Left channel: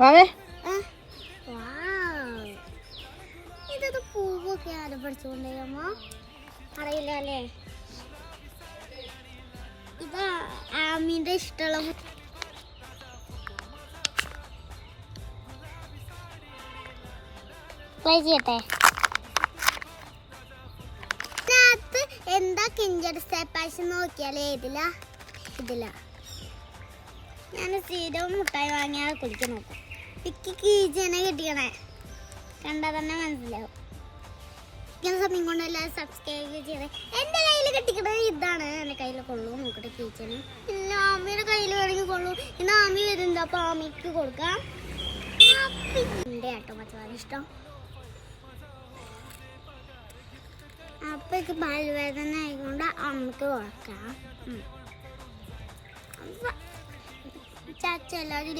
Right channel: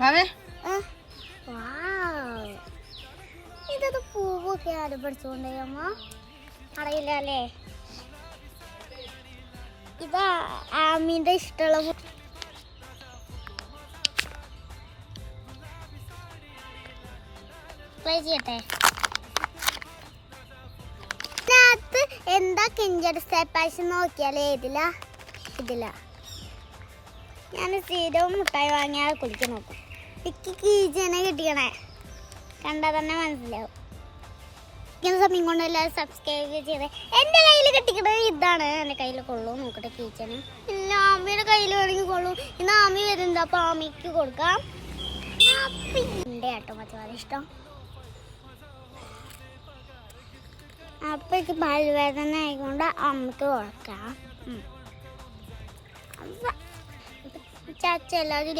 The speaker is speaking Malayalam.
വാവേ ഇതൊക്കെ പൂവൊക്കെ ആരും പഠിച്ചുകൊണ്ടേയമ്മ അറിയില്ല അല്ലേ. ഇപ്പൊ ആമീന്റെ ഇഷ്ടമുള്ള ട്രൈ ചെയ്യട്ടെ. ഇതിനകത്ത് എന്താ കിഞ്ചർ സ്റ്റെപ്പാഴ്ച നോക്കിയാലേ ഇതില ഞാൻ സ്ഥിരവും മുട്ടായി വാങ്ങിയാൽ കുടിക്കാൻ നോക്കും. ടിക്കി കീച്ചനെ കിട്ടിക്കണേ കണ്ടാൽ തന്നെ മനസ്സിലാവും. ഇങ്ങനെ സമയം കൊണ്ട് എല്ലാവരും സബ്സ്ക്രൈബ് ചെയ്ത്. എൻ്റെ കയ്യിൽ കെട്ടിക്കണത് ഇതാണ്. എൻ്റെ കയ്യിൽ കൊള്ളൂ നോക്കട്ടെ കീച്ചന്. പിന്നെ ആമിയുടെ കയ്യിൽ വേണമെങ്കിൽ കൊള്ളൂ. ഇന്ന് ആമി വരുന്നത് അപ്പോൾ ആമിക്ക് കൊടുക്കാം. എൻ്റെ കേട്ടോ മച്ചമാരെ ഇഷ്ടം. അപ്പോഴേക്ക് പല്ലുവേദന ആയിക്കൊണ്ട് അമ്മക്ക് കൊടുക്കാം. ചച്ച എല്ലാവരും